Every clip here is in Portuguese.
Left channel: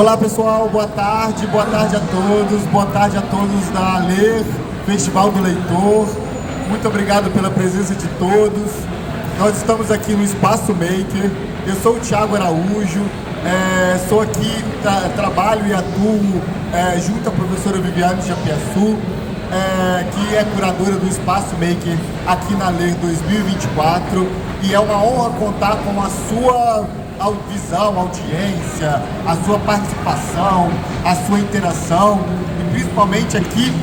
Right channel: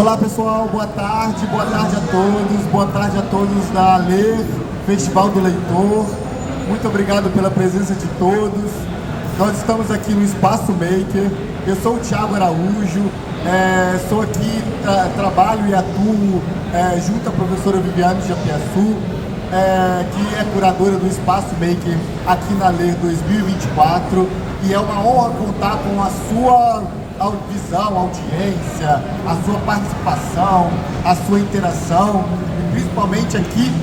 Olá pessoal, boa tarde a todos da Ler, Festival do Leitor. Muito obrigado pela presença de todos. Nós estamos aqui no Espaço Maker. Eu sou o Thiago Araújo, sou aqui, trabalho e atuo junto à professora Viviane Japiaçu, que é curadora do Espaço Maker aqui na Ler 2024, e é uma honra contar com a sua visão, audiência, a sua participação, a sua interação e principalmente aqui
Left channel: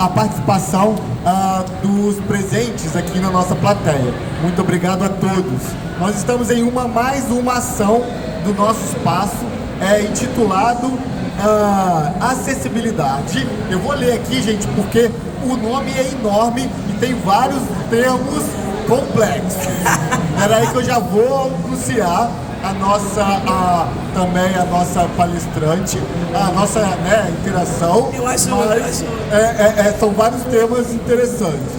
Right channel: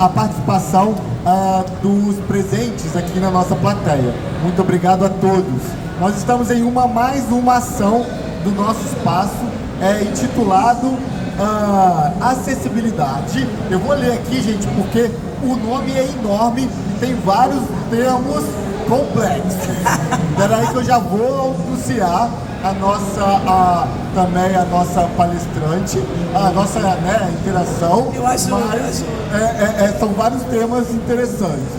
a participação dos presentes aqui na nossa plateia. Muito obrigado a todos. Nós estamos em mais uma ação do nosso espaço intitulado Acessibilidade. Eu vou ler aqui, gente, porque o nome é enorme e tem vários termos complexos. Peraí que eu já vou anunciar também a nossa palestrante, a nossa interação. Eu acho. São vários temas interessantes.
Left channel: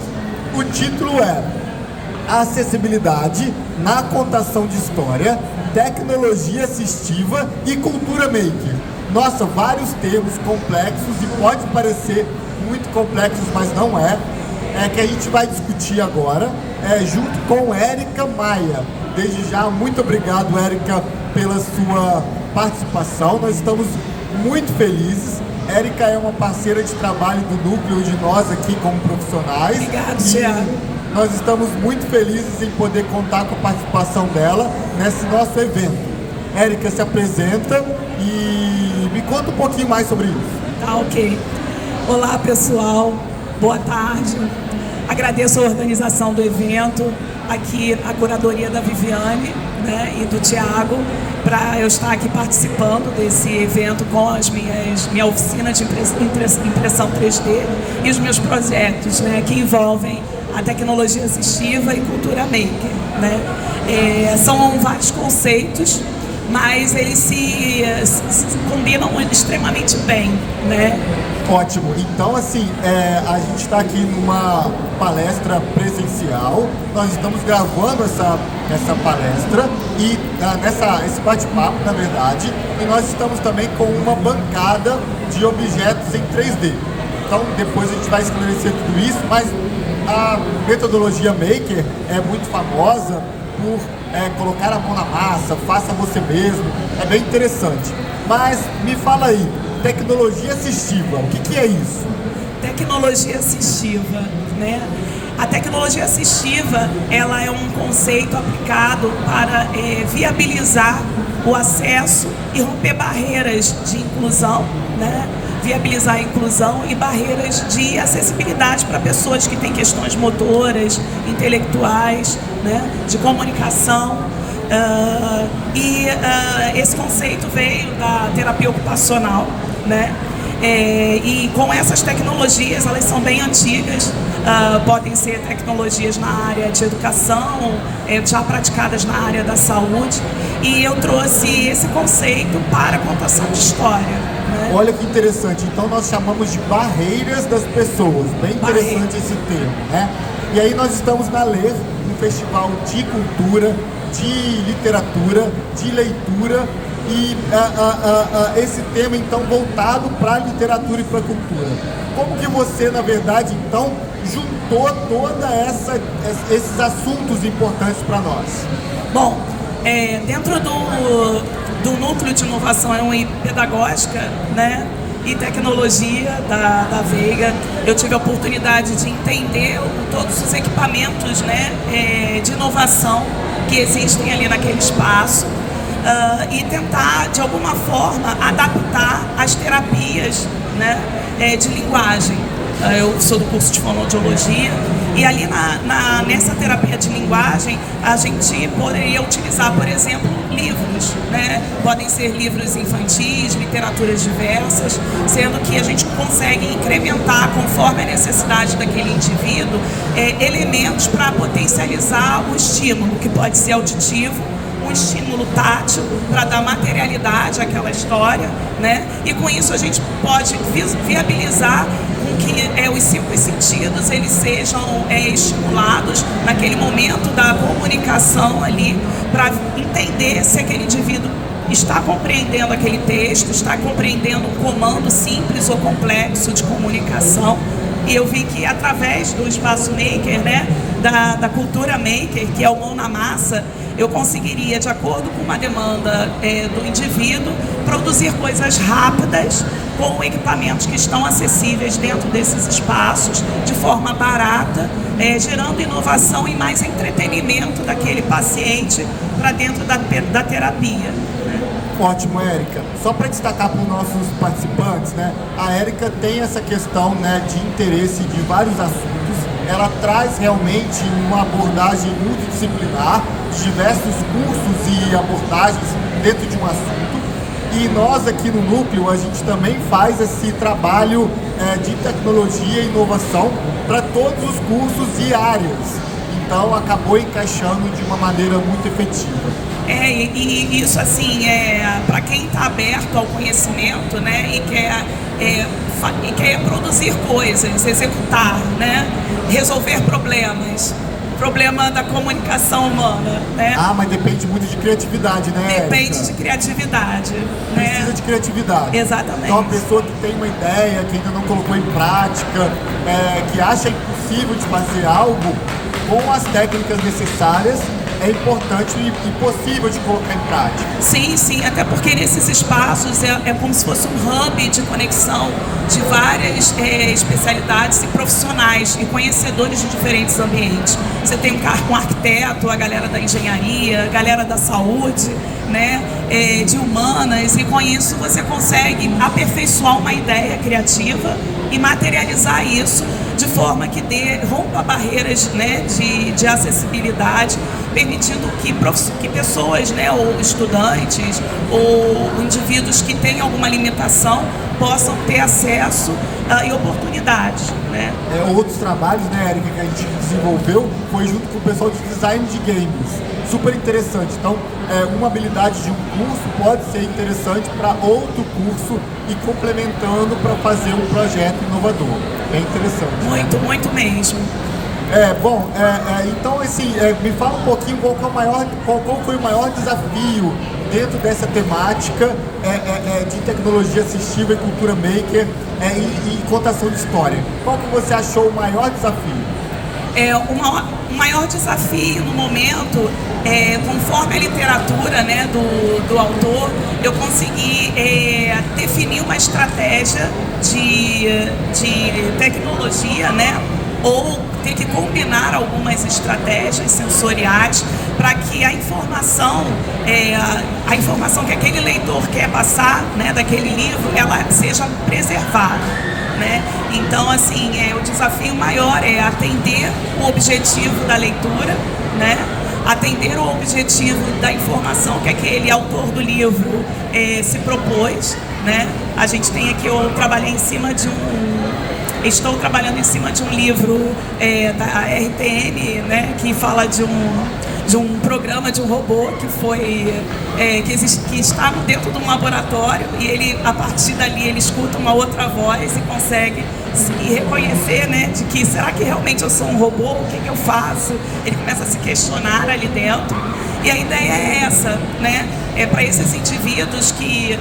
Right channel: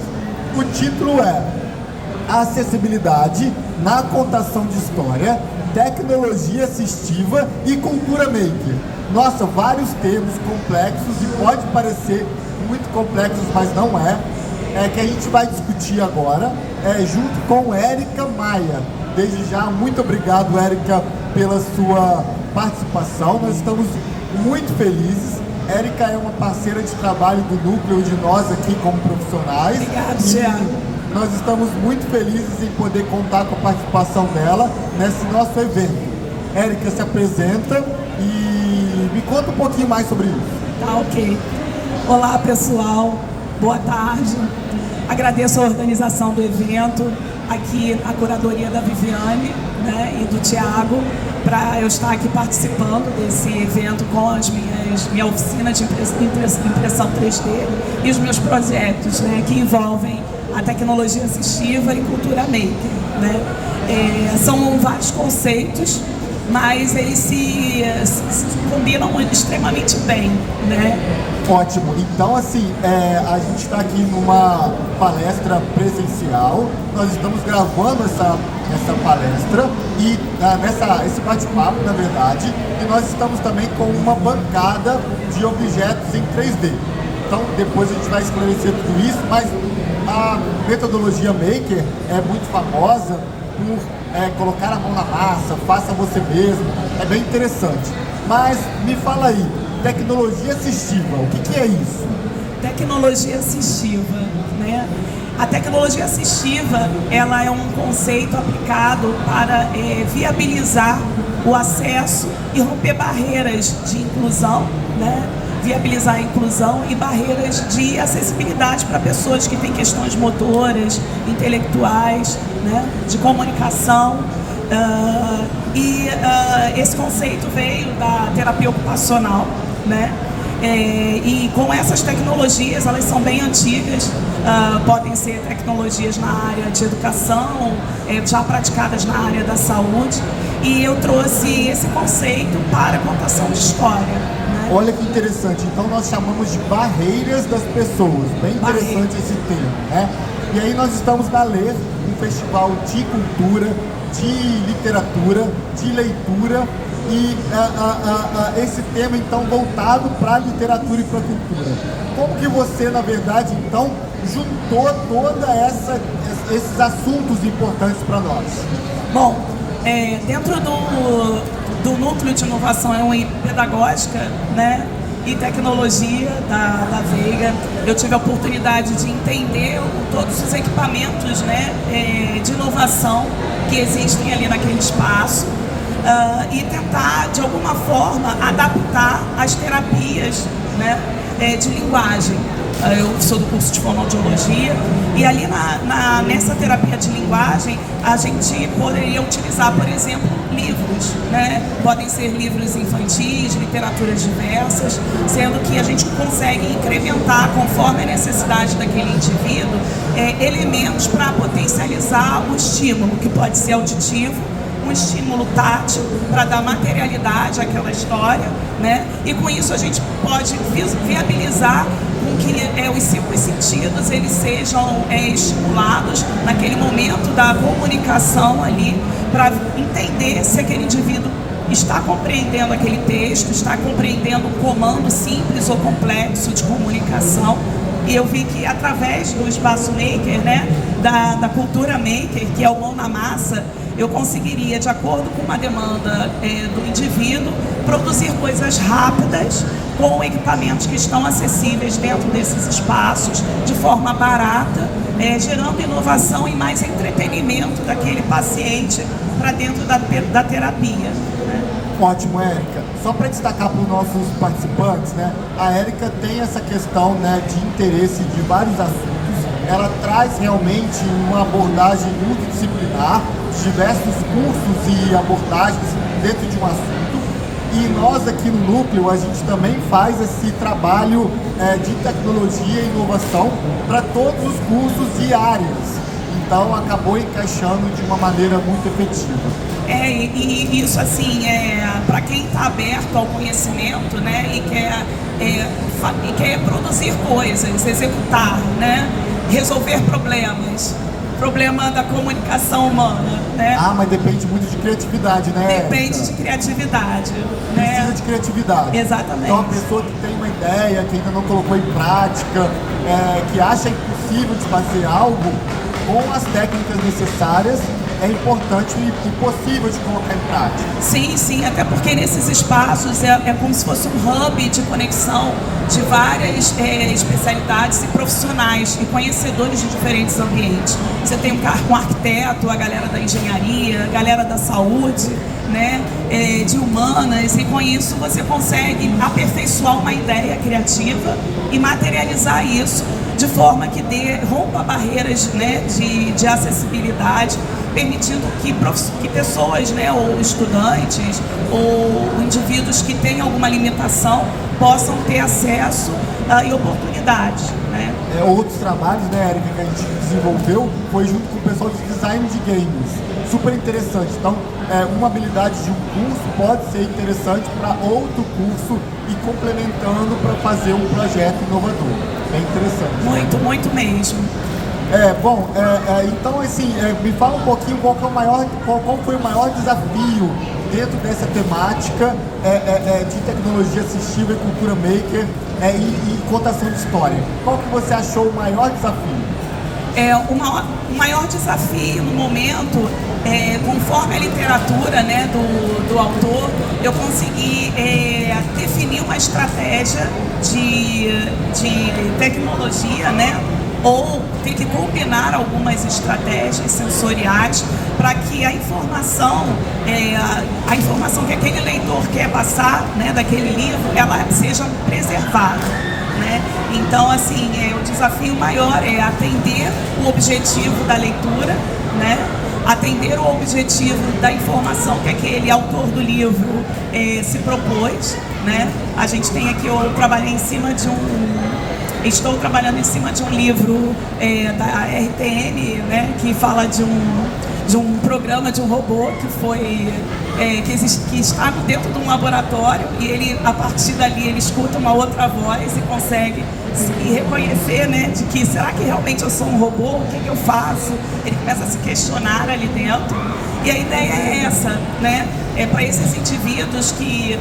O título é Acessibilidade na contação de história, tecnologia assistiva e cultura maker. Nossa, vários termos complexos e pode parecer muito complexos, mas não é. É que a gente vai discutir agora, junto com Érica Maia. Desde já, muito obrigado, Érica, pela sua participação. Nós estamos muito felizes. Érica é uma parceira de trabalho do núcleo de nós aqui como profissionais. Obrigada, Thiago. Nós estamos muito felizes em poder contar com a participação dela nesse nosso evento. Érica, se apresenta e me conta um pouquinho mais sobre isso. Tá, ok. Olá, pessoal. Boa tarde. Agradeço a organização do evento, aqui a curadoria da Viviane, e do Thiago, para eu estar aqui participando desse evento com minha oficina de impressão 3D e os meus projetos, que envolvem a tecnologia assistiva e cultura maker. São vários conceitos, mas eles se combinam extremamente bem, Ótimo. Então, assim, a gente está aqui numa palestra presencial. Nós estamos gravando essa palestra e esse bate-papo, na verdade, e nós estamos também com uma bancada de objetos em 3D. Então, depois a gente vai esclarecer tudo isso, mas a metodologia Maker é muito famosa por colocar a mão na massa, faça você mesmo, é bem interessante. Mas me fala aí, tecnologia assistiva, o que é isso? Tecnologia assistiva, A tecnologia assistiva, ela é um conceito aplicado para viabilizar o acesso e romper barreiras de inclusão, viabilizar a inclusão e barreiras de acessibilidade para pessoas que têm questões motoras, intelectuais, de comunicação. Esse conceito veio da terapia ocupacional, e com essas tecnologias, elas são bem antigas, podem ser tecnologias na área de educação, já praticadas na área da saúde, e eu trouxe esse conceito para a contação de história. Olha que interessante, então nós chamamos de barreiras das pessoas, bem interessante esse termo, E aí nós estamos na Ler, um festival de cultura, de literatura, de leitura, e esse tema então voltado para a literatura e para a cultura. Como que você, na verdade, então, juntou todos esses assuntos importantes para nós? Bom, dentro do núcleo de inovação e pedagógica, e tecnologia da Veiga, eu tive a oportunidade de entender todos os equipamentos, de inovação que existem ali naquele espaço, e tentar, de alguma forma, adaptar as terapias, de linguagem. Eu sou do curso de fonoaudiologia e ali nessa terapia de linguagem a gente poderia utilizar, por exemplo, livros, Podem ser livros infantis, literaturas diversas, sendo que a gente consegue incrementar, conforme a necessidade daquele indivíduo, elementos para potencializar o estímulo, que pode ser auditivo, um estímulo tátil para dar materialidade àquela história, E com isso a gente pode viabilizar com que os 5 sentidos eles sejam estimulados naquele momento da comunicação ali, para entender se aquele indivíduo está compreendendo aquele texto, está compreendendo um comando simples ou complexo de comunicação. E eu vi que através do espaço maker, né, da cultura maker, que é o mão na massa, eu conseguiria, de acordo com uma demanda do indivíduo, produzir coisas rápidas com equipamentos que estão acessíveis dentro desses espaços, de forma barata, gerando inovação e mais entretenimento daquele paciente para dentro da terapia. Ótimo, Érica. Só para destacar para os nossos participantes, né, a Érica tem essa questão, né, de interesse de vários assuntos. Ela traz realmente uma abordagem multidisciplinar, diversos cursos e abordagens dentro de um assunto. E nós aqui no Núcleo, a gente também faz esse trabalho de tecnologia e inovação para todos os cursos e áreas. Então, acabou encaixando de uma maneira muito efetiva. E isso, assim, para quem está aberto ao conhecimento, né, e quer produzir coisas, executar, né, resolver problemas. Problema da comunicação humana, né? Ah, mas depende muito de criatividade, né? Depende de criatividade, né? Precisa de criatividade. Exatamente. Então, uma pessoa que tem uma ideia, que ainda não colocou em prática, que acha impossível de fazer algo, com as técnicas necessárias, é importante e possível de colocar em prática. Sim, sim, até porque nesses espaços é como se fosse um hub de conexão de várias especialidades e profissionais e conhecedores de diferentes ambientes. Você tem um arquiteto, a galera da engenharia, a galera da saúde, né, de humanas, e com isso você consegue aperfeiçoar uma ideia criativa e materializar isso de forma que rompa barreiras, né, de acessibilidade, permitindo que pessoas, né, ou estudantes, ou indivíduos que têm alguma limitação possam ter acesso e oportunidades, né? Outros trabalhos, né, Érica, que a gente desenvolveu foi junto com o pessoal de design de games. Super interessante. Então, uma habilidade de um curso pode ser interessante para outro curso e complementando para fazer um projeto inovador. É interessante. Muito, muito mesmo. Então, assim, me fala um pouquinho qual foi o maior desafio dentro dessa temática de tecnologia assistiva e cultura maker e contação de história. Qual que você achou o maior desafio? O maior desafio no momento, conforme a literatura, né, do autor, eu consegui definir uma estratégia de tecnologia, né, ou ter que combinar algumas estratégias sensoriais para que a informação que aquele leitor quer passar, né, daquele livro, ela seja preservada, né? Então, assim, o desafio maior é atender o objetivo da leitura, né? Atender o objetivo da informação que aquele autor do livro se propôs, né? A gente tem aqui, estou trabalhando em cima de um livro da RTM, né, que fala de um programa de um robô que estava dentro de um laboratório, e ele, a partir dali, ele escuta uma outra voz e consegue se reconhecer, né, de que será que realmente eu sou um robô? O que eu faço? Ele começa a se questionar ali dentro. E a ideia é essa, né? Para esses indivíduos que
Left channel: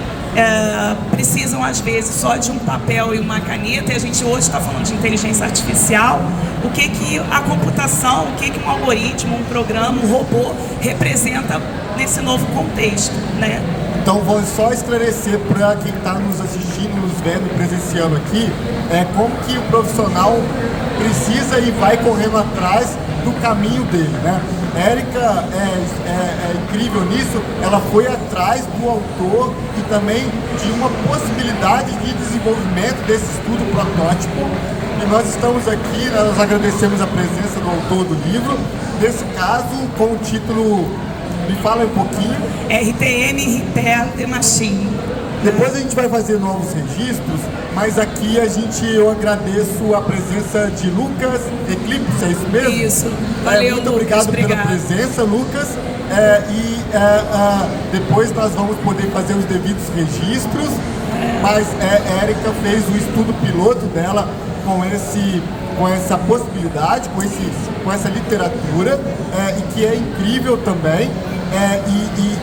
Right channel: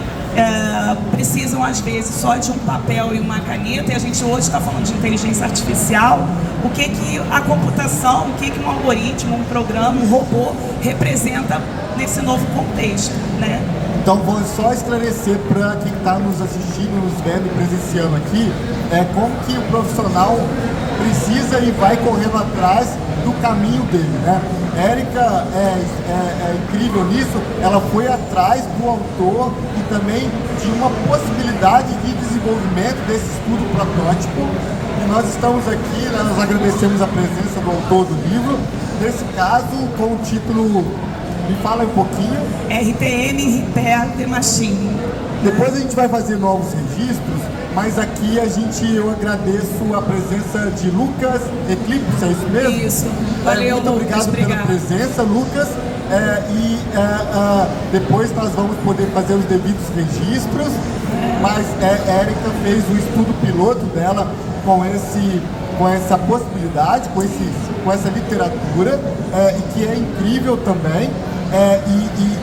precisam, às vezes, só de um papel e uma caneta, e a gente hoje está falando de inteligência artificial, o que a computação, o que um algoritmo, um programa, um robô representa nesse novo contexto, né? Então, vamos só esclarecer para quem está nos assistindo, nos vendo, presenciando aqui, como que o profissional precisa e vai correndo atrás do caminho dele, né? Érica é incrível nisso, ela foi atrás do autor e também de uma possibilidade de desenvolvimento desse estudo protótipo. E nós estamos aqui, nós agradecemos a presença do autor do livro, nesse caso com o título, me fala um pouquinho. RTM Repair the Machine. Depois a gente vai fazer novos registros, mas aqui eu agradeço a presença de Lucas Eclipse, é isso mesmo? Isso, valeu, muito obrigado pela presença, Lucas. Depois nós vamos poder fazer os devidos registros, mas a Érica fez o estudo piloto dela com essa possibilidade, com essa literatura, e que é incrível também,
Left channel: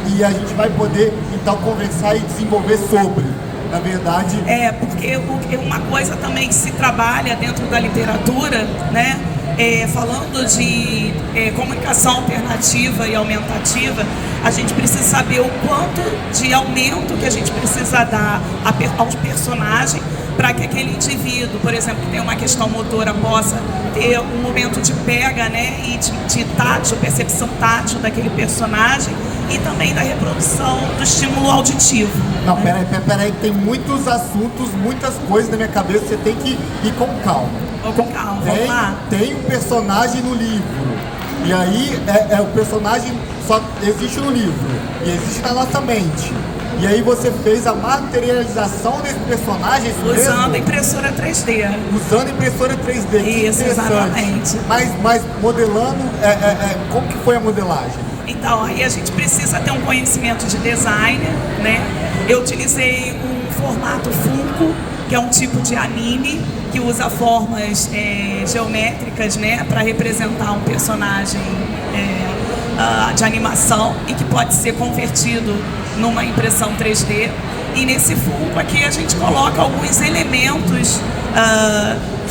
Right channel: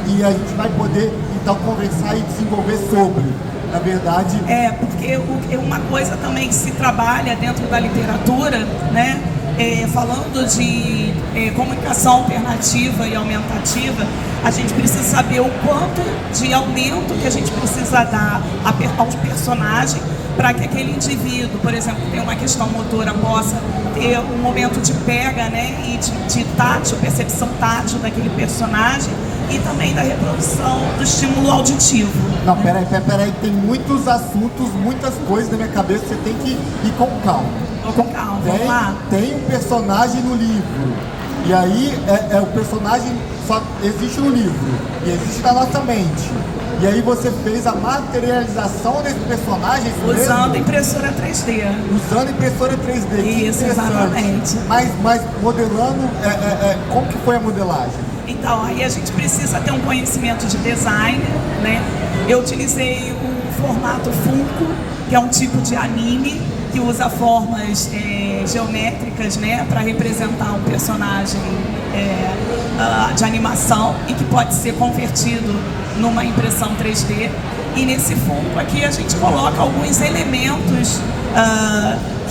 e a gente vai poder então conversar e desenvolver sobre. Na verdade... Porque uma coisa também que se trabalha dentro da literatura, né? Falando de comunicação alternativa e aumentativa, a gente precisa saber o quanto de aumento que a gente precisa dar aos personagens para que aquele indivíduo, por exemplo, que tem uma questão motora, possa ter um momento de pega, né, e de tátil, percepção tátil daquele personagem e também da reprodução do estímulo auditivo. Não, peraí, tem muitos assuntos, muitas coisas na minha cabeça, você tem que ir com calma. Vou com calma, vamos lá. Tem um personagem no livro, e aí o personagem só existe no livro, e existe na nossa mente. E aí você fez a materialização desse personagem usando impressora 3D. Usando impressora 3D. Isso, exatamente. Mas modelando, como que foi a modelagem? Então, aí a gente precisa ter um conhecimento de design, né? Eu utilizei um formato Funko, que é um tipo de anime que usa formas geométricas, né, para representar um personagem de animação e que pode ser convertido numa impressão 3D. E nesse Funko aqui a gente coloca alguns elementos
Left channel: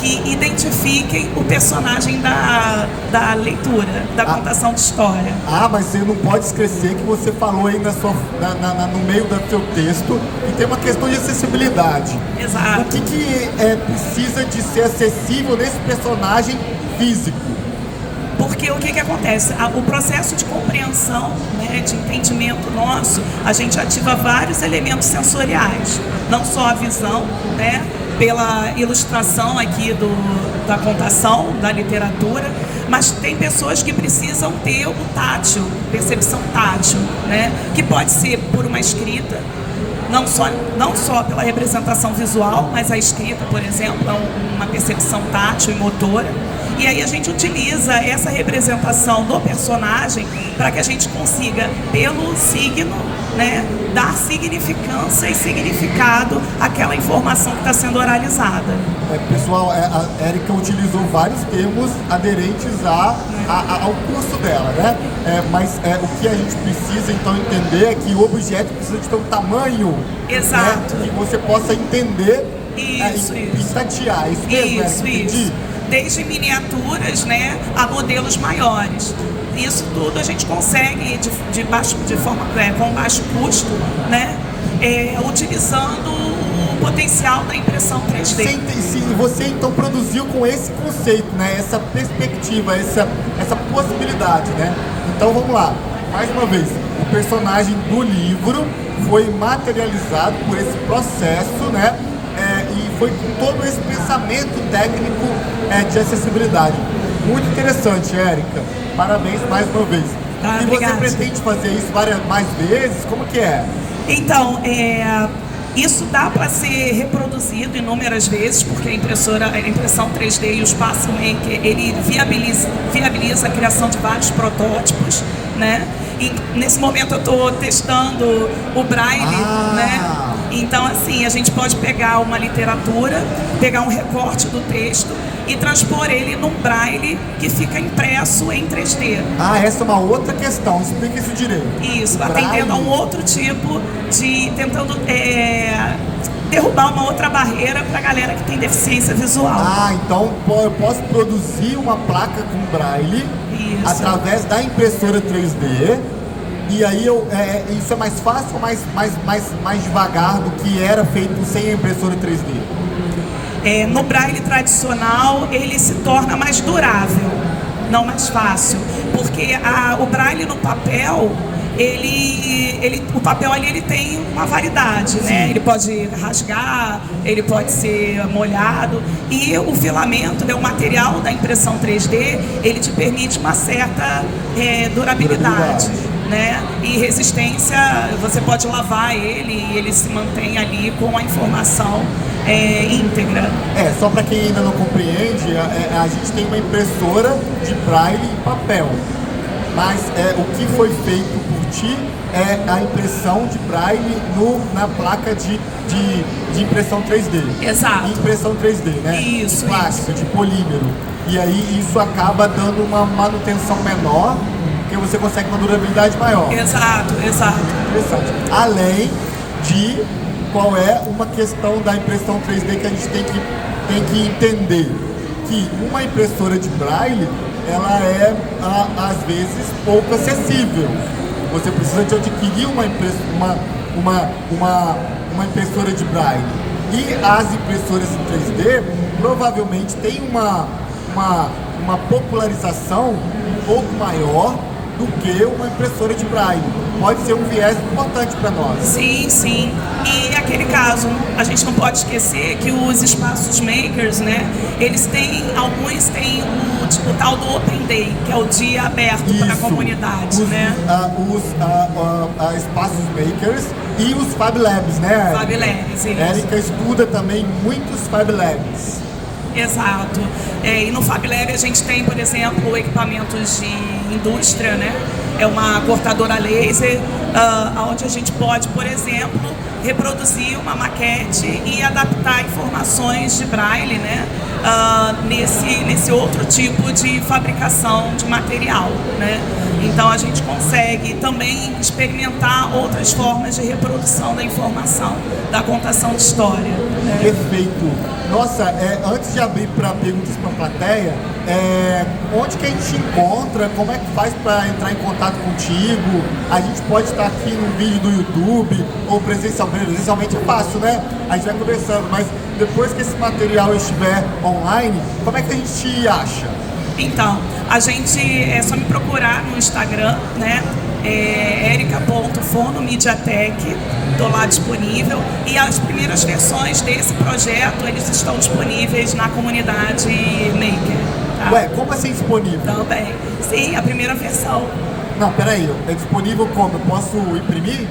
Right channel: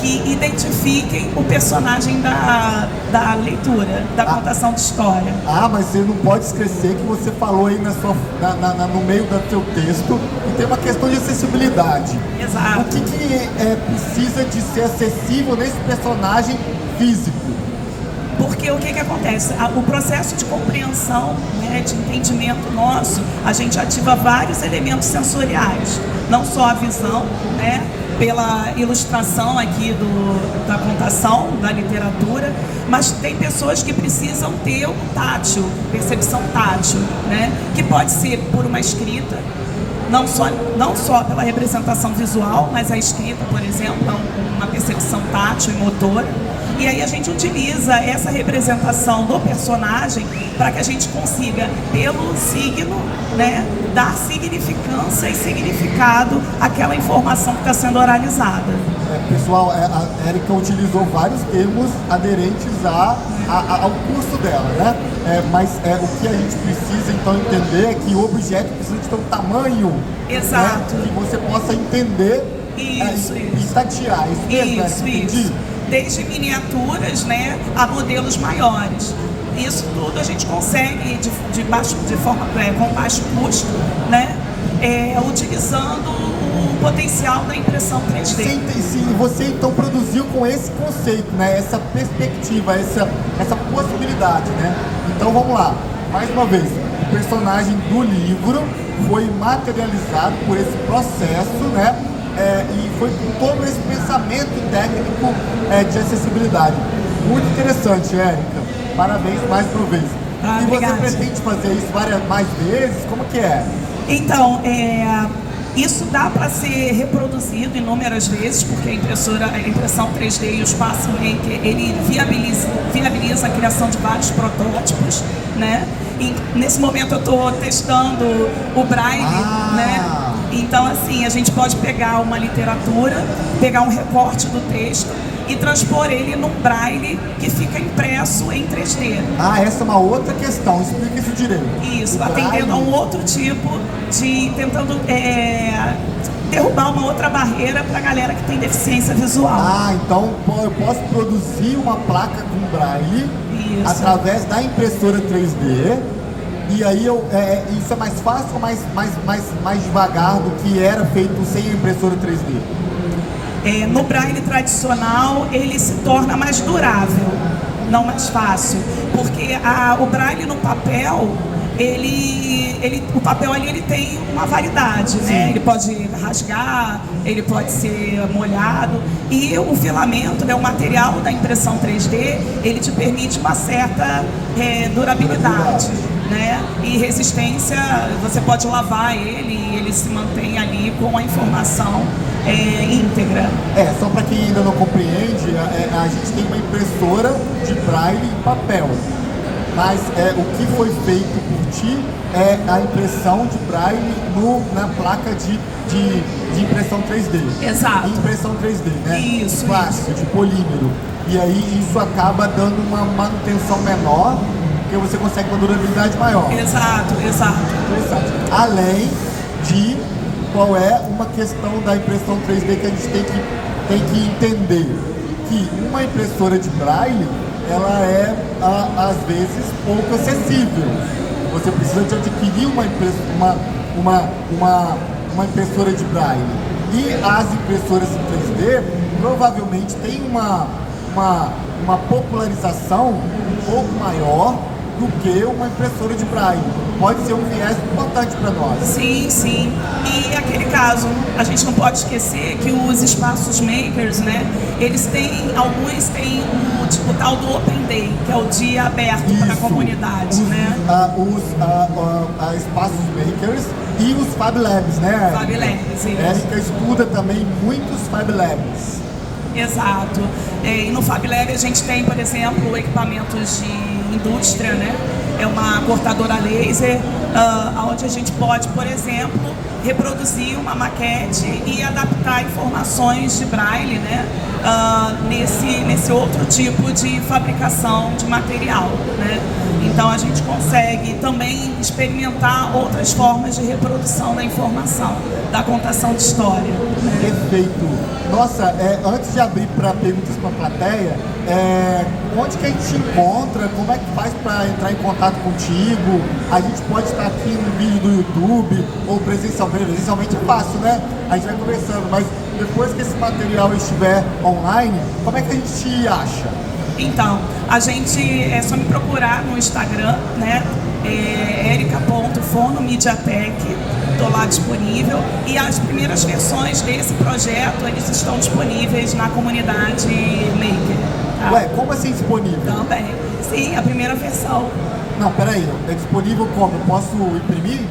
que identifiquem o personagem da leitura, da contação de história. Mas você não pode esquecer que você falou aí no meio do seu texto que tem uma questão de acessibilidade. Exato. O que precisa de ser acessível nesse personagem físico? Porque o que acontece? O processo de compreensão, né, de entendimento nosso, a gente ativa vários elementos sensoriais, não só a visão, né, pela ilustração aqui da contação, da literatura, mas tem pessoas que precisam ter o tátil, percepção tátil, né, que pode ser por uma escrita, não só pela representação visual, mas a escrita, por exemplo, uma percepção tátil e motora. E aí a gente utiliza essa representação do personagem para que a gente consiga, pelo signo, né, dar significância e significado àquela informação que está sendo oralizada. Pessoal, a Érica utilizou vários termos aderentes ao curso dela, né? Mas o que a gente precisa então entender é que o objeto precisa de ter um tamanho, exato, né, que você possa entender e tatear. Isso mesmo, isso. Desde miniaturas, né, a modelos maiores. Isso tudo a gente consegue com baixo custo, né, utilizando o potencial da impressão 3D. Você então produziu com esse conceito, né, essa perspectiva, essa possibilidade, né? Então vamos lá, mais uma vez, o personagem do livro foi materializado por esse processo, né? E foi com todo esse pensamento técnico de acessibilidade. Muito interessante, Érica. Parabéns mais uma vez. E obrigada. Você pretende fazer isso mais vezes? Como que é? Então, isso dá para ser reproduzido inúmeras vezes, porque a impressão 3D e o espaço Maker, ele viabiliza a criação de vários protótipos, né? E nesse momento eu estou testando o Braille, né? Então, assim, a gente pode pegar uma literatura, pegar um recorte do texto e transpor ele num braille que fica impresso em 3D. Essa é uma outra questão, explica isso direito. Isso, atendendo a um outro tipo de... tentando derrubar uma outra barreira para a galera que tem deficiência visual. Então eu posso produzir uma placa com braille através da impressora 3D. E aí isso é mais fácil ou mais devagar do que era feito sem a impressora 3D? No braille tradicional ele se torna mais durável, não mais fácil, porque o braille no papel, o papel ali ele tem uma variedade, né? Ele pode rasgar, ele pode ser molhado, e o filamento, né, o material da impressão 3D, ele te permite uma certa durabilidade, né? E resistência, você pode lavar ele e ele se mantém ali com a informação íntegra. Só para quem ainda não compreende, a gente tem uma impressora de braille e papel. Mas o que foi feito por ti é a impressão de braille na placa de impressão 3D. Exato. Impressão 3D, né? Isso, de plástico, de polímero. E aí isso acaba dando uma manutenção menor porque você consegue uma durabilidade maior. Exato. Interessante. Além de qual é uma questão da impressão 3D que a gente tem que entender, que uma impressora de braille, ela às vezes pouco acessível. Você precisa de adquirir uma impressora de braille. E as impressoras em 3D provavelmente têm uma popularização um pouco maior do que uma impressora de braille. Pode ser um viés importante para nós. Sim. E aquele caso, a gente não pode esquecer que os espaços makers, né? Alguns têm o tal do Open Day, que é o dia aberto para a comunidade, né? Os espaços makers e os Fab Labs, né? Fab Labs, isso. Érica estuda também muitos Fab Labs. Exato. E no Fab Lab a gente tem, por exemplo, equipamentos de indústria, né? É uma cortadora laser, onde a gente pode, por exemplo, reproduzir uma maquete e adaptar informações de braille, né? Nesse outro tipo de fabricação de material, né? Então a gente consegue também experimentar outras formas de reprodução da informação, da contação de história, né? Perfeito. Nossa, antes de abrir para perguntas para a plateia, onde que a gente te encontra? Como é que faz para entrar em contato contigo? A gente pode estar aqui no vídeo do YouTube ou presencialmente é fácil, né? A gente vai conversando, mas depois que esse material estiver online, como é que a gente te acha? Então, a gente é só me procurar no Instagram, né? erica.fonomediatek, estou lá disponível, e as primeiras versões desse projeto eles estão disponíveis na comunidade Maker. Tá? Ué, como assim disponível? Também. Sim, a primeira versão. Não, peraí, é disponível como? Eu posso imprimir?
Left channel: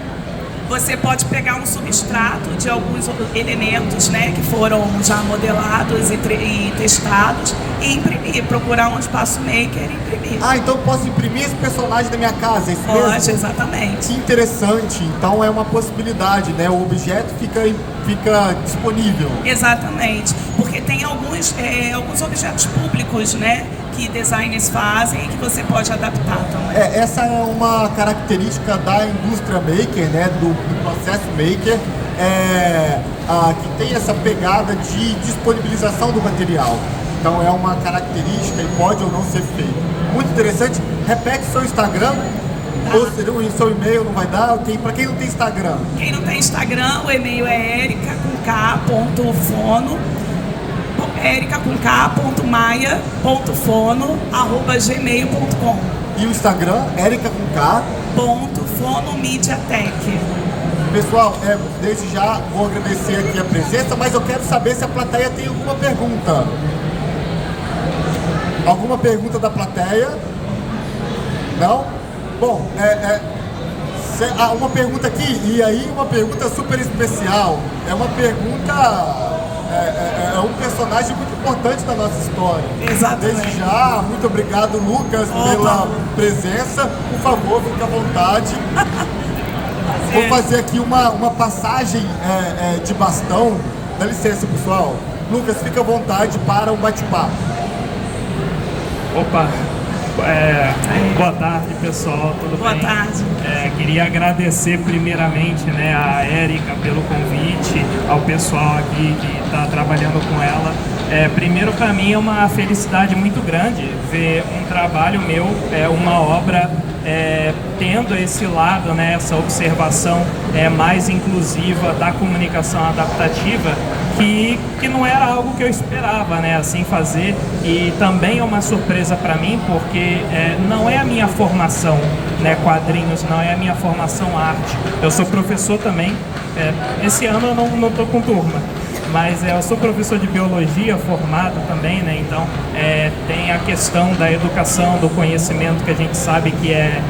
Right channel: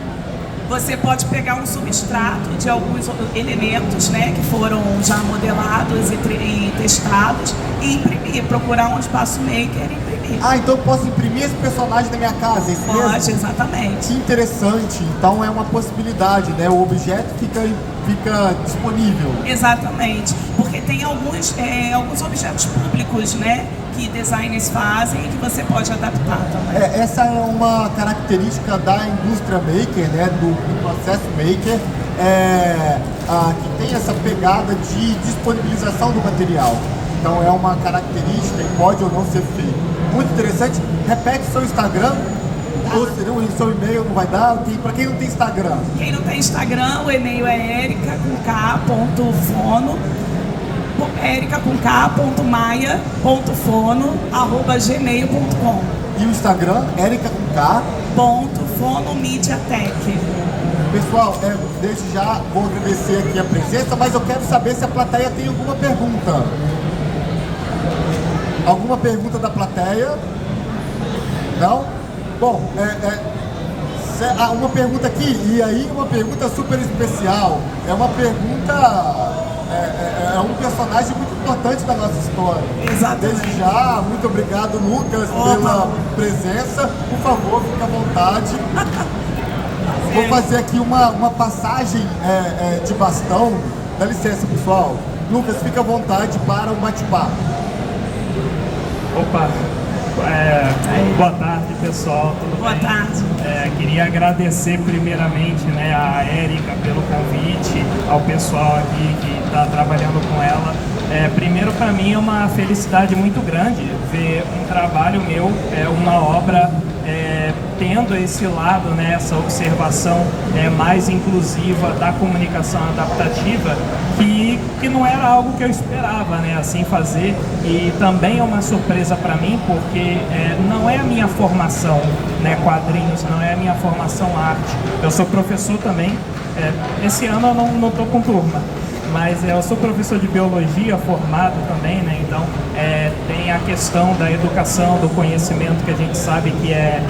Você pode pegar um substrato de alguns elementos, né, que foram já modelados e testados e imprimir, procurar um espaço maker e imprimir. Ah, então eu posso imprimir esse personagem da minha casa, é isso mesmo? Pode, exatamente. Que interessante, então é uma possibilidade, né? O objeto fica disponível. Exatamente, porque tem alguns objetos públicos, né, que designers fazem e que você pode adaptar também. Essa é uma característica da indústria maker, né, do processo maker, que tem essa pegada de disponibilização do material. Então é uma característica e pode ou não ser feito. Muito interessante. Repete seu Instagram. Ou o seu e-mail não vai dar? Para quem não tem Instagram? Quem não tem Instagram, o e-mail é erica.maia.fono@gmail.com. E o Instagram, @fonomediatek. Pessoal, desde já vou agradecer aqui a presença, mas eu quero saber se a plateia tem alguma pergunta. Alguma pergunta da plateia? Não? Bom, uma pergunta aqui, e aí uma pergunta super especial. É uma pergunta... É um personagem muito importante da nossa história. Exatamente. Desde já, muito obrigado, Lucas, pela presença. Por favor, fique à vontade. Vou fazer aqui uma passagem de bastão. Dá licença, pessoal. Lucas, fique à vontade para um bate-papo. Opa! Boa tarde, pessoal, tudo bem? Boa tarde. Queria agradecer primeiramente, né, a Érica pelo convite, ao pessoal aqui que está trabalhando com ela. Primeiro, para mim é uma felicidade muito grande ver um trabalho meu, uma obra tendo esse lado, né, essa observação mais inclusiva da comunicação adaptativa, que não era algo que eu esperava, né, assim fazer, e também é uma surpresa para mim, porque não é a minha formação, né, quadrinhos, não é a minha formação arte. Eu sou professor também, esse ano eu não estou com turma, mas eu sou professor de biologia formado também, né? Então tem a questão da educação, do conhecimento, que a gente sabe que é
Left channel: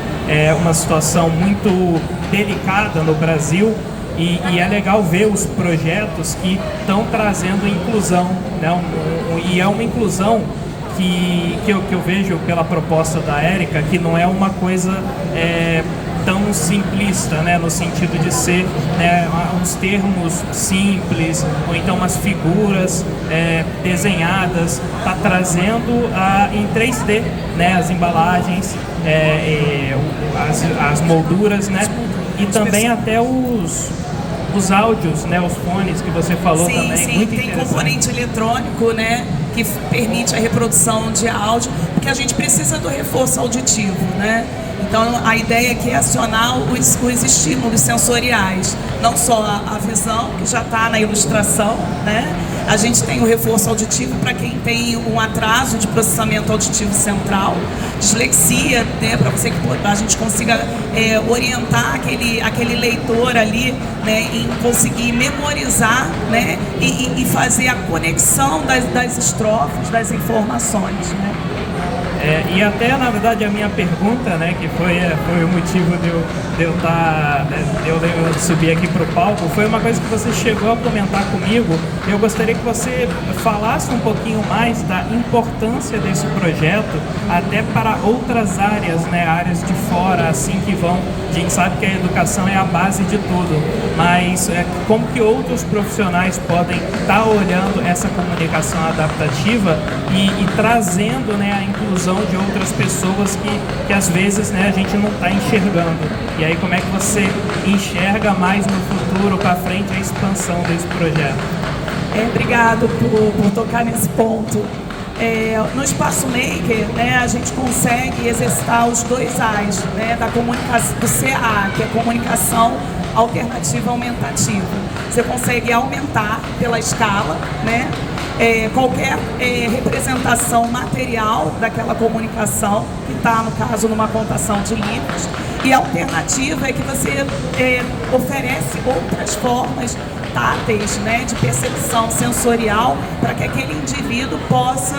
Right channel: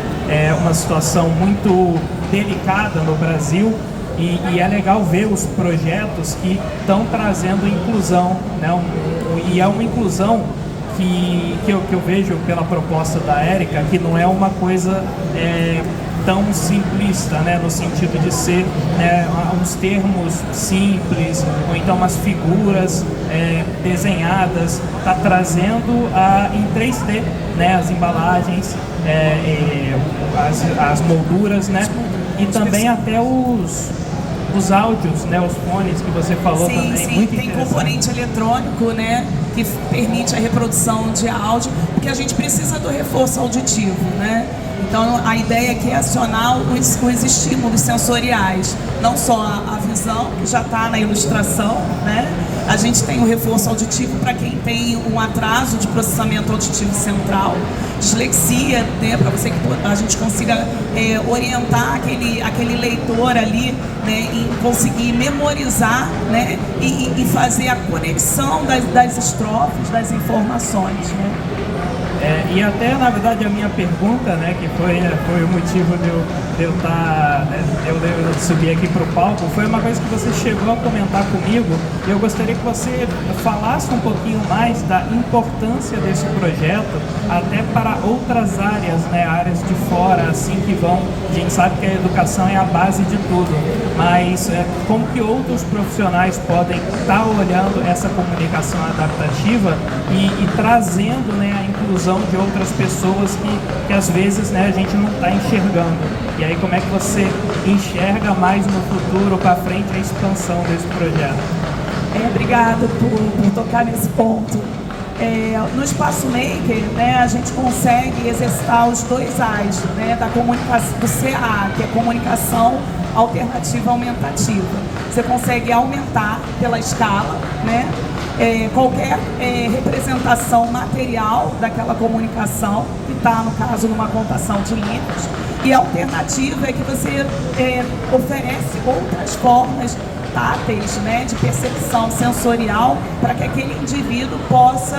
uma situação muito delicada no Brasil, e é legal ver os projetos que estão trazendo inclusão, né? E é uma inclusão que eu vejo pela proposta da Érica, que não é uma coisa tão simplista, né, no sentido de ser uns termos simples, ou então umas figuras desenhadas, está trazendo em 3D, né, as embalagens, as molduras, né? E também até os áudios, né? Os fones que você falou sim, também. Sim, muito tem componente eletrônico, né? Que permite a reprodução de áudio, porque a gente precisa do reforço auditivo, né? Então a ideia aqui é acionar os estímulos sensoriais, não só a visão, que já está na ilustração, né? A gente tem o reforço auditivo para quem tem um atraso de processamento auditivo central, dislexia, né? Para que a gente consiga orientar aquele leitor ali, né? Em conseguir memorizar, né? E fazer a conexão das estrofes, das informações, né? E até, na verdade, a minha pergunta, né, que foi o motivo de eu subir aqui para o palco, foi uma coisa que você chegou a comentar comigo. Eu gostaria que você falasse um pouquinho mais da importância desse projeto até para outras áreas, né, áreas de fora, assim que vão. A gente sabe que a educação é a base de tudo, mas como que outros profissionais podem estar olhando essa comunicação adaptativa e trazendo, né, a inclusão de outras pessoas que às vezes, né, a gente não está enxergando. E aí como é que você enxerga mais no futuro, para frente, a expansão desse projeto? Obrigada por tocar nesse ponto. No Espaço Maker, né, a gente consegue exercitar os dois A's, né, da comunicação, do CA, que é comunicação alternativa aumentativa. Você consegue aumentar pela escala, né, qualquer representação material daquela comunicação, que está, no caso, numa contação de linhas. E a alternativa é que você oferece outras formas táteis, né, de percepção sensorial, para que aquele indivíduo possa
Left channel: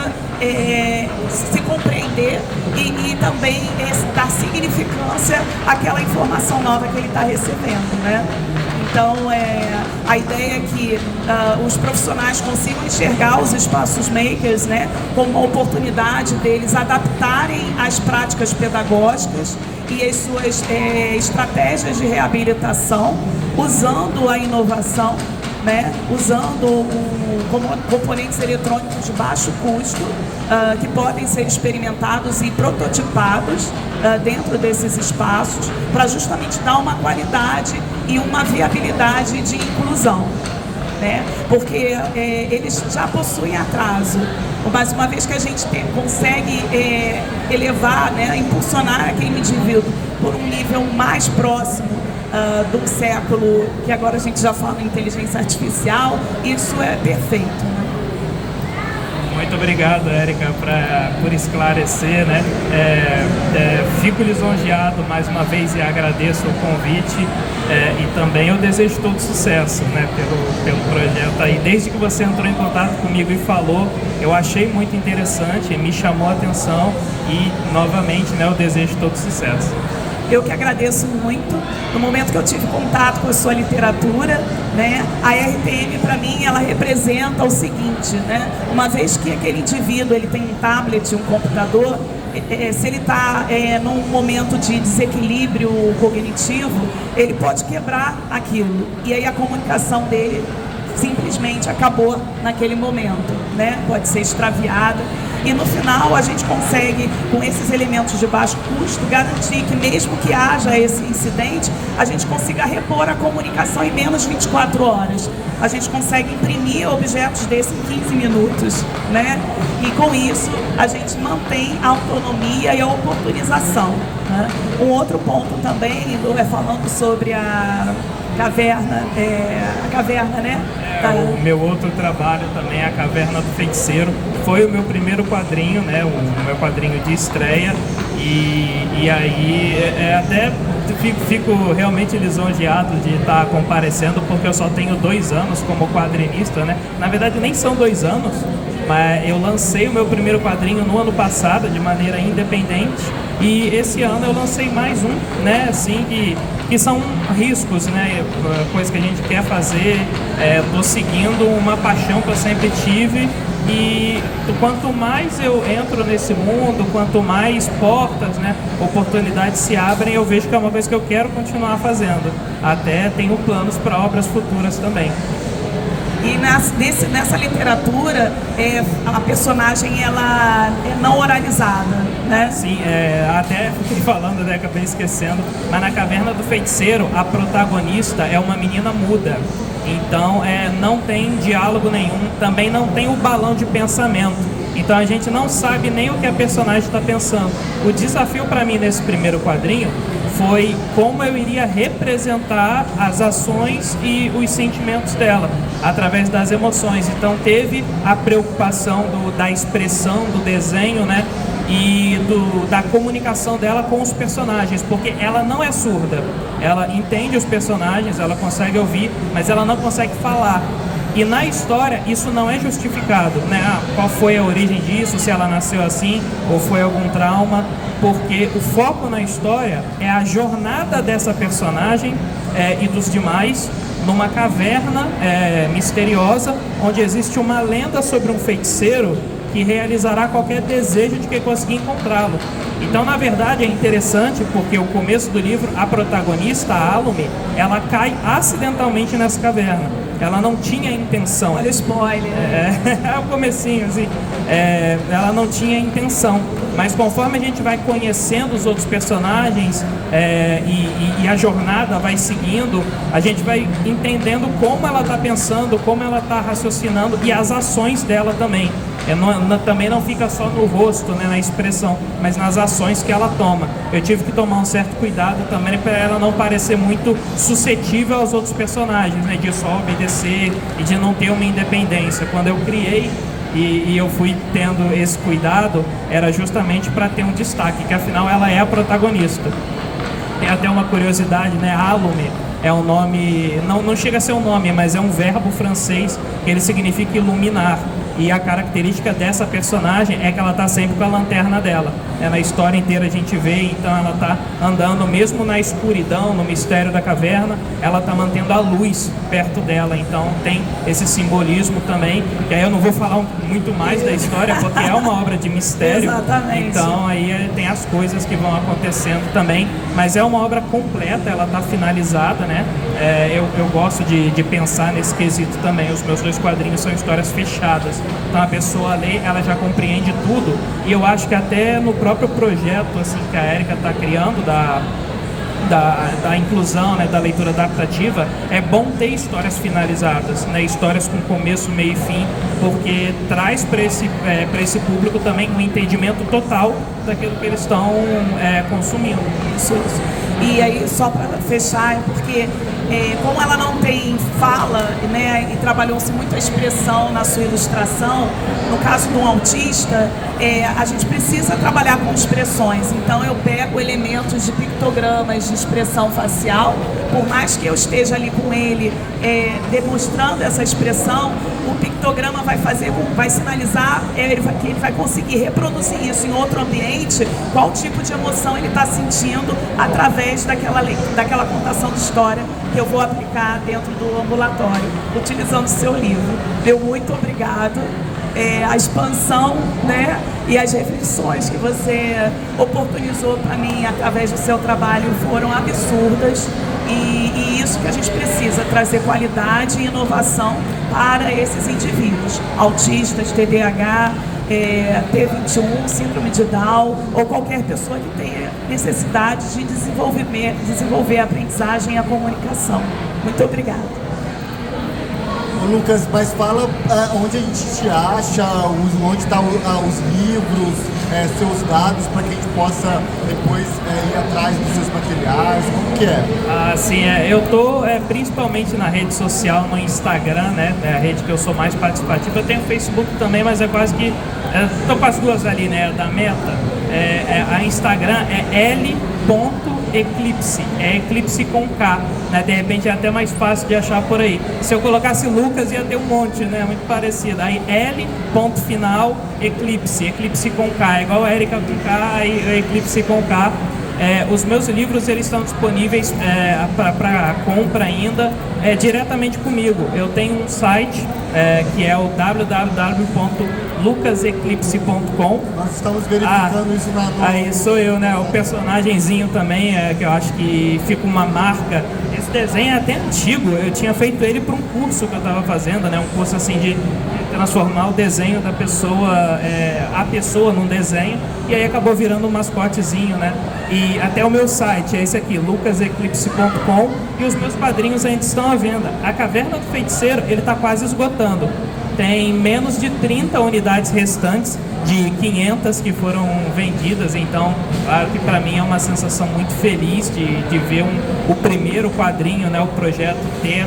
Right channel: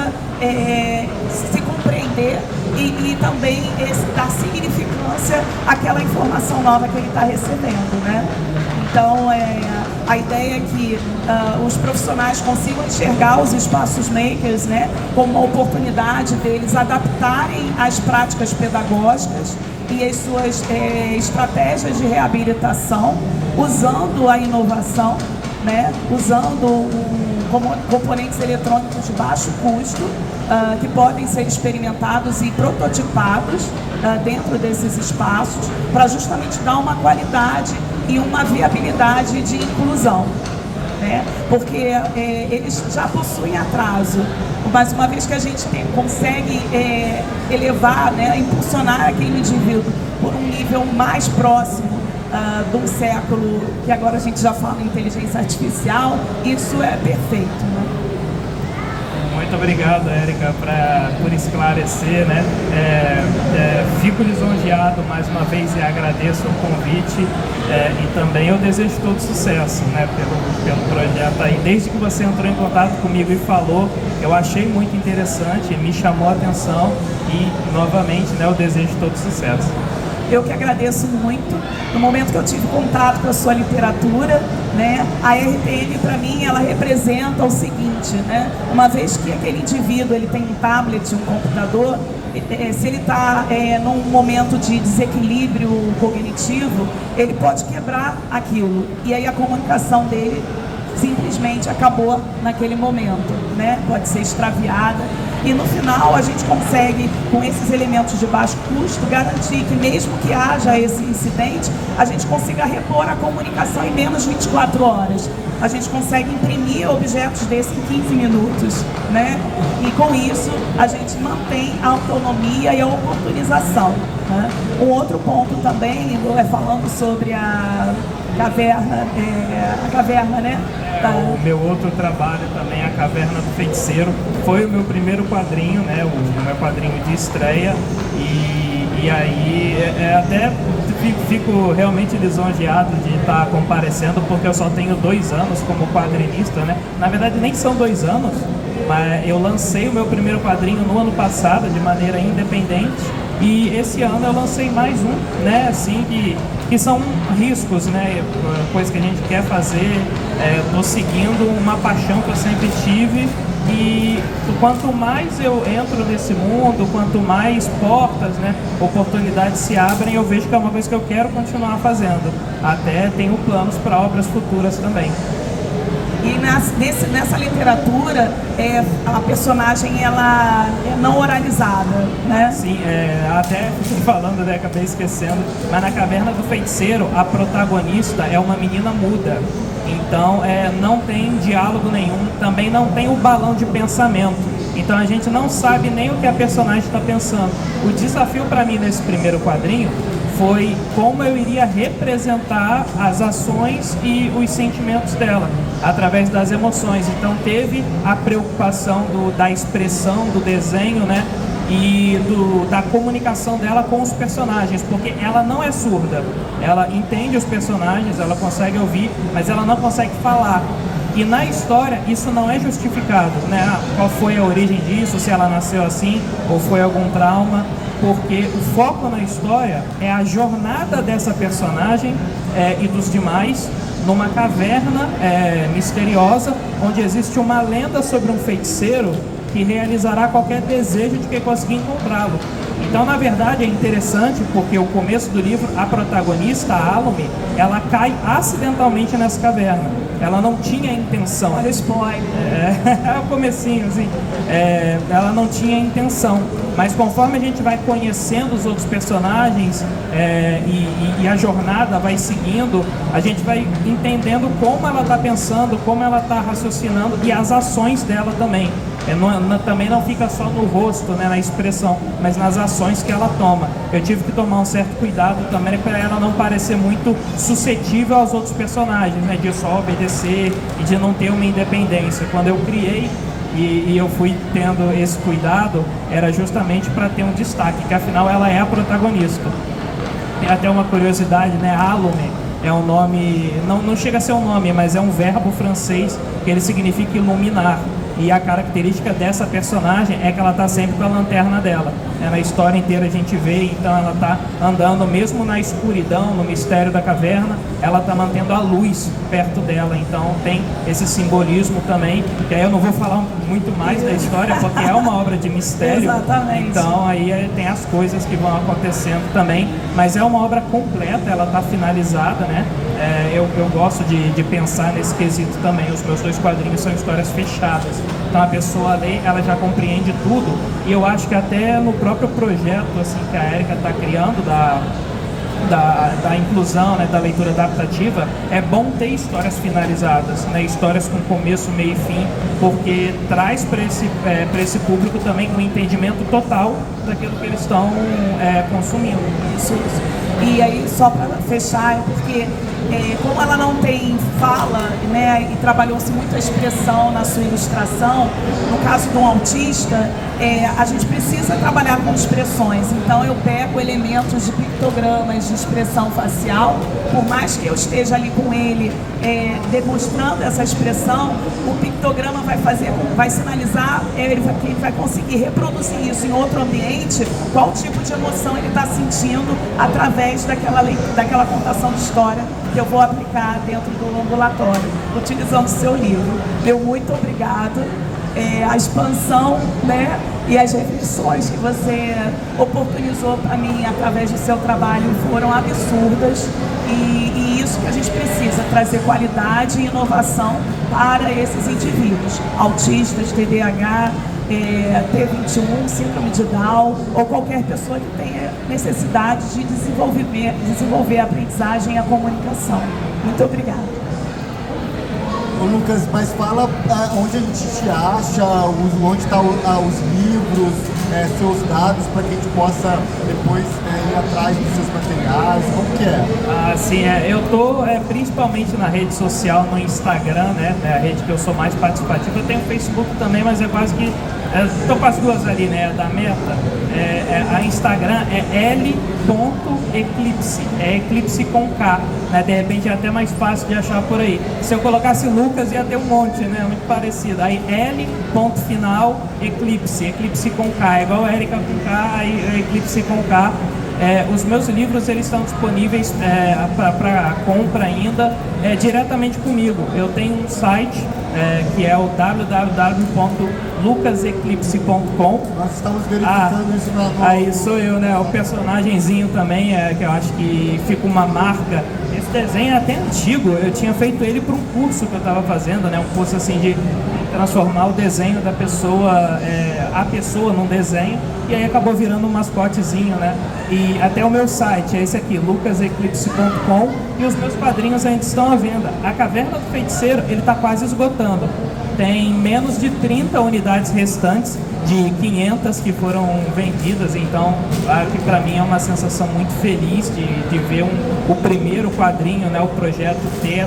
se compreender e também dar significância àquela informação nova que ele está recebendo, né? Então, a ideia é que os profissionais consigam enxergar os espaços makers, né, como uma oportunidade deles adaptarem as práticas pedagógicas e as suas estratégias de reabilitação, usando a inovação, né, usando componentes eletrônicos de baixo custo, que podem ser experimentados e prototipados dentro desses espaços, para justamente dar uma qualidade e uma viabilidade de inclusão, né? Porque eles já possuem atraso, mas uma vez que a gente consegue elevar, né, impulsionar aquele indivíduo por um nível mais próximo de um século, que agora a gente já fala em inteligência artificial, isso é perfeito, né? Muito obrigado, Érica, por esclarecer, né? Fico lisonjeado mais uma vez e agradeço o convite, e também eu desejo todo sucesso, né, pelo projeto aí. Desde que você entrou em contato comigo e falou, eu achei muito interessante, me chamou a atenção e, novamente, né, eu desejo todo sucesso. Eu que agradeço muito. No momento que eu tive contato com a sua literatura, né, a RTM, para mim, ela representa o seguinte, né, uma vez que aquele indivíduo ele tem um tablet, um computador, se ele está num momento de desequilíbrio cognitivo, ele pode quebrar aquilo. E aí a comunicação dele simplesmente acabou naquele momento, né? Pode ser extraviada. E no final a gente consegue, com esses elementos de baixo custo, garantir que mesmo que haja esse incidente, a gente consiga repor a comunicação em menos de 24 horas. A gente consegue imprimir objetos desses em 15 minutos, né? E com isso a gente mantém a autonomia e a oportunização, né? Um outro ponto também, falando sobre a caverna, né? O meu outro trabalho também, A Caverna do Feiticeiro, foi o meu primeiro quadrinho, né? O meu quadrinho de estreia, e aí até fico realmente lisonjeado de estar comparecendo, porque eu só tenho 2 anos como quadrinista, né? Na verdade nem são 2 anos, mas eu lancei o meu primeiro quadrinho no ano passado de maneira independente, e esse ano eu lancei mais um, né? Assim, que são riscos, né? Coisa que a gente quer fazer. Tô seguindo uma paixão que eu sempre tive, e quanto mais eu entro nesse mundo, quanto mais portas, né, oportunidades se abrem, eu vejo que é uma coisa que eu quero continuar fazendo. Até tenho planos para obras futuras também. E nessa literatura, a personagem ela é não oralizada, né? Sim, até falando, né, acabei esquecendo, mas na Caverna do Feiticeiro, a protagonista é uma menina muda. Então, não tem diálogo nenhum, também não tem o balão de pensamento. Então, a gente não sabe nem o que a personagem está pensando. O desafio para mim nesse primeiro quadrinho foi como eu iria representar as ações e os sentimentos dela, através das emoções. Então, teve a preocupação da expressão, do desenho, né? E da comunicação dela com os personagens, porque ela não é surda, ela entende os personagens, ela consegue ouvir, mas ela não consegue falar. E na história isso não é justificado, né? Qual foi a origem disso, se ela nasceu assim ou foi algum trauma, porque o foco na história é a jornada dessa personagem e dos demais numa caverna misteriosa, onde existe uma lenda sobre um feiticeiro que realizará qualquer desejo de quem conseguir encontrá-lo. Então, na verdade, é interessante porque o começo do livro, a protagonista, a Alume, ela cai acidentalmente nessa caverna. Ela não tinha intenção. Olha o spoiler. É o comecinho, assim. Ela não tinha intenção. Mas conforme a gente vai conhecendo os outros personagens e a jornada vai seguindo, a gente vai entendendo como ela está pensando, como ela está raciocinando e as ações dela também. Também não fica só no rosto, né, na expressão, mas nas ações que ela toma. Eu tive que tomar um certo cuidado também para ela não parecer muito suscetível aos outros personagens, né, de só obedecer e de não ter uma independência. Quando eu criei e eu fui tendo esse cuidado, era justamente para ter um destaque, que afinal ela é a protagonista. Tem até uma curiosidade, né, Alume é um nome, não chega a ser um nome, mas é um verbo francês que ele significa iluminar. E a característica dessa personagem é que ela está sempre com a lanterna dela. Na história inteira a gente vê, então ela está andando mesmo na escuridão, no mistério da caverna, ela está mantendo a luz perto dela. Então tem esse simbolismo também, que aí eu não vou falar muito mais da história, porque é uma obra de mistério. Exatamente. Então aí tem as coisas que vão acontecendo também, mas é uma obra completa, ela está finalizada, né? Eu gosto de pensar nesse quesito também. Os meus 2 quadrinhos são histórias fechadas, então a pessoa lê, ela já compreende tudo. E eu acho que até no próprio projeto assim, que a Érica está criando da inclusão, né, da leitura adaptativa, é bom ter histórias finalizadas, né, histórias com começo, meio e fim, porque traz para esse público também um entendimento total daquilo que eles estão consumindo. Isso. E aí, só para fechar, é porque como ela não tem fala, né, e trabalhou-se muito a expressão na sua ilustração, no caso de um autista, a gente precisa trabalhar com expressões. Então eu pego elementos de pictogramas, de expressão facial, por mais que eu esteja ali com ele demonstrando essa expressão, o pictograma vai sinalizar que ele vai conseguir reproduzir isso em outro ambiente, qual tipo de emoção ele está sentindo através daquela contação de história que eu vou aplicar dentro do ambulatório, utilizando o seu livro. Meu muito obrigado. A expansão, né, e as reflexões que você oportunizou para mim através do seu trabalho foram absurdas, e isso que a gente precisa, trazer qualidade e inovação para esses indivíduos, autistas, TDAH, T21, síndrome de Down, ou qualquer pessoa que tenha necessidade de desenvolver a aprendizagem e a comunicação. Muito obrigada. Ô Lucas, mas fala onde a gente te acha, onde estão os livros, seus dados, para que a gente possa depois ir atrás dos seus materiais, como que é? Sim, eu estou principalmente na rede social, no Instagram, né, é a rede que eu sou mais participativa. Eu tenho Facebook também, mas é quase que, estou com as duas ali, né, da Meta. A Instagram é l.eclipse, eclipse com K, né? De repente é até mais fácil de achar por aí. Se eu colocasse Lucas ia ter um monte, né? Muito parecido. Aí l.final eclipse, eclipse com K, é igual a Érica com K, aí eclipse com K. Os meus livros eles estão disponíveis para compra ainda diretamente comigo. Eu tenho um site que é o www.lucaseclipse.com. Nós estamos verificando isso na... Aí sou eu, né? O personagemzinho também, que eu acho que fica uma marca. Esse esse desenho é até antigo, eu tinha feito ele para um curso que eu estava fazendo, né? Um curso assim de transformar o desenho da pessoa, a pessoa num desenho, e aí acabou virando um mascotezinho, né? E até o meu site é esse aqui, lucaseclipse.com, e os meus quadrinhos ainda estão à venda. A Caverna do Feiticeiro, ele está quase esgotando. Tem menos de 30 unidades restantes, de 500 que foram vendidas, então, claro que para mim é uma sensação muito feliz de ver o primeiro quadrinho, né, o projeto ter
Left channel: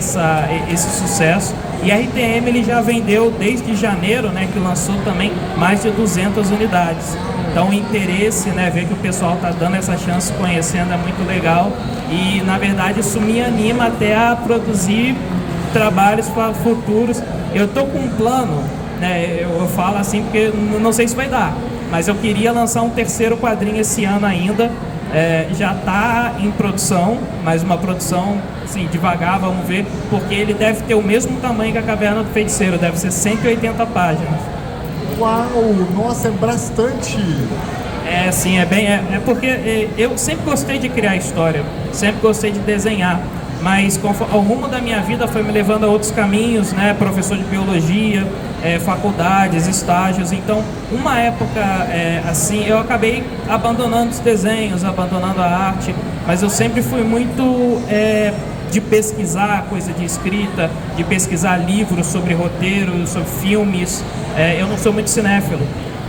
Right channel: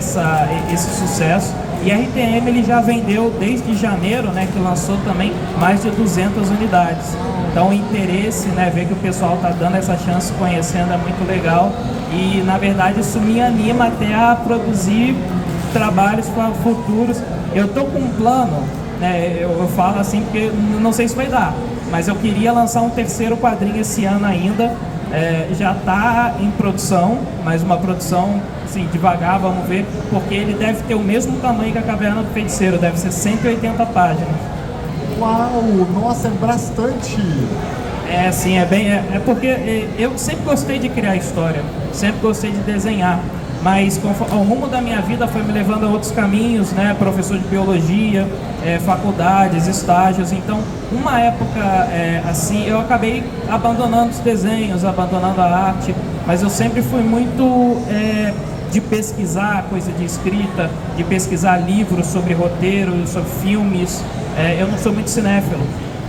esse sucesso. E a RTM ele já vendeu desde janeiro, né, que lançou também mais de 200 unidades. Então o interesse, né, ver que o pessoal está dando essa chance, conhecendo, é muito legal. E na verdade isso me anima até a produzir trabalhos futuros. Eu estou com um plano, né, eu falo assim porque não sei se vai dar, mas eu queria lançar um terceiro quadrinho esse ano ainda. Já está em produção, mas uma produção assim, devagar, vamos ver, porque ele deve ter o mesmo tamanho que a Caverna do Feiticeiro, deve ser 180 páginas. Uau, nossa, é bastante! Sim, é porque eu sempre gostei de criar história, sempre gostei de desenhar, mas o rumo da minha vida foi me levando a outros caminhos, né? Professor de biologia, faculdades, estágios. Então, uma época assim, eu acabei abandonando os desenhos, abandonando a arte, mas eu sempre fui muito de pesquisar coisa de escrita, de pesquisar livros sobre roteiros, sobre filmes. Eu não sou muito cinéfilo,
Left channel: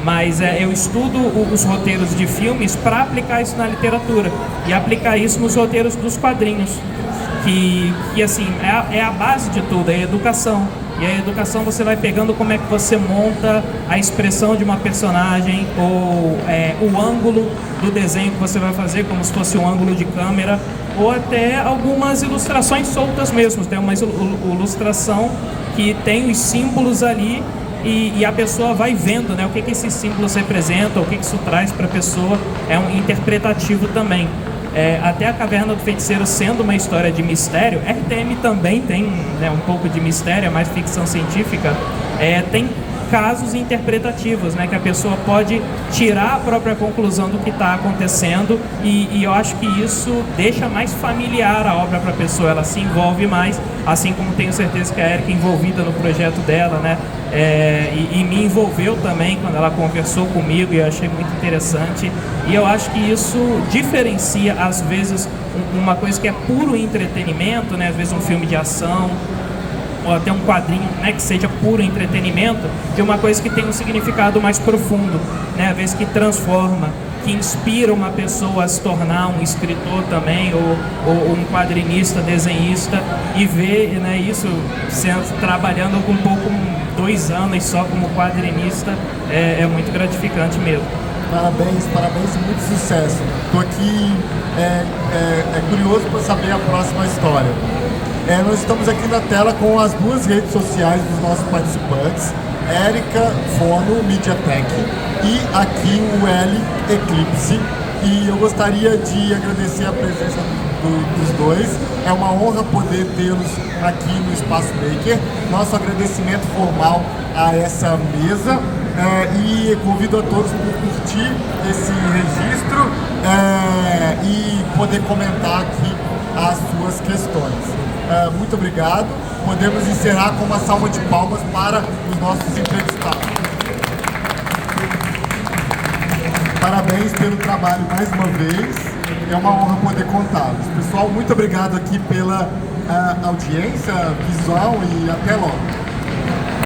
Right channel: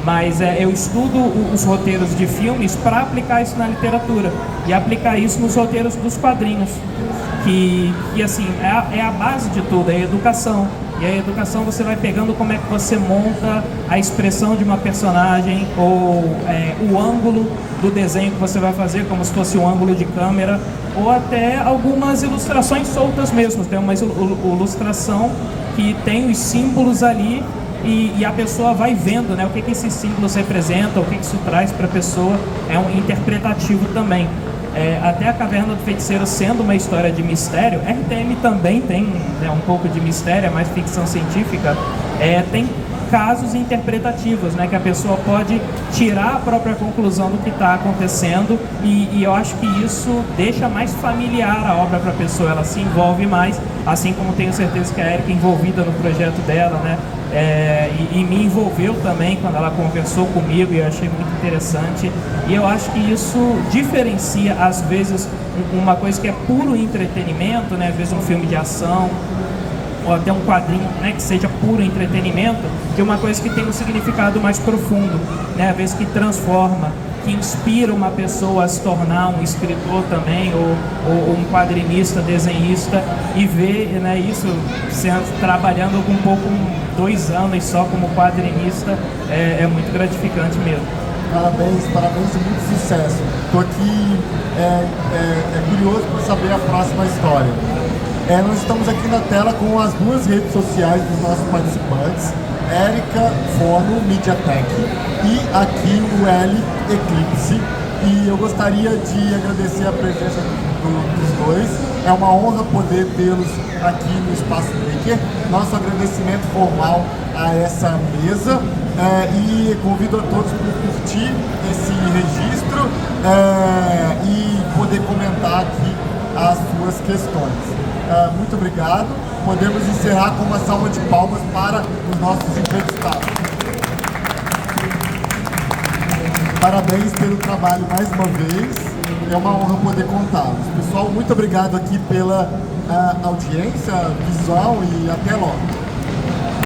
mas eu estudo os roteiros de filmes para aplicar isso na literatura e aplicar isso nos roteiros dos quadrinhos. Que assim, é a base de tudo, é a educação. E a educação você vai pegando como é que você monta a expressão de uma personagem, ou o ângulo do desenho que você vai fazer, como se fosse um ângulo de câmera, ou até algumas ilustrações soltas mesmo. Tem uma ilustração que tem os símbolos ali e a pessoa vai vendo, né, o que esses símbolos representam, o que isso traz para a pessoa. É um interpretativo também. Até a Caverna do Feiticeiro sendo uma história de mistério, RTM também tem, né, um pouco de mistério, é mais ficção científica, tem casos interpretativos, né, que a pessoa pode tirar a própria conclusão do que está acontecendo, e eu acho que isso deixa mais familiar a obra para a pessoa, ela se envolve mais, assim como tenho certeza que a Erika é envolvida no projeto dela, né, e me envolveu também quando ela conversou comigo, e eu achei muito interessante. E eu acho que isso diferencia, às vezes, uma coisa que é puro entretenimento, né? Às vezes um filme de ação, ou até um quadrinho, né, que seja puro entretenimento, de uma coisa que tem um significado mais profundo, né? Às vezes que transforma, que inspira uma pessoa a se tornar um escritor também, ou um quadrinista, desenhista, e ver, né, isso trabalhando um pouco, 2 anos só como quadrinista, é muito gratificante mesmo. Parabéns e muito sucesso. Estou aqui curioso para saber a próxima história. Nós estamos aqui na tela com as 2 redes sociais dos nossos participantes, Erika Fono Mediatek e aqui o L Eclipse. E eu gostaria de agradecer a presença dos dois. É uma honra poder tê-los aqui no Espaço Maker. Nosso agradecimento formal a essa mesa, e convido a todos para curtir esse registro e poder comentar aqui as suas questões. Muito obrigado. Podemos encerrar com uma salva de palmas para os nossos entrevistados. Parabéns pelo trabalho mais uma vez, é uma honra poder contá-los. Pessoal, muito obrigado aqui pela audiência visual e até logo.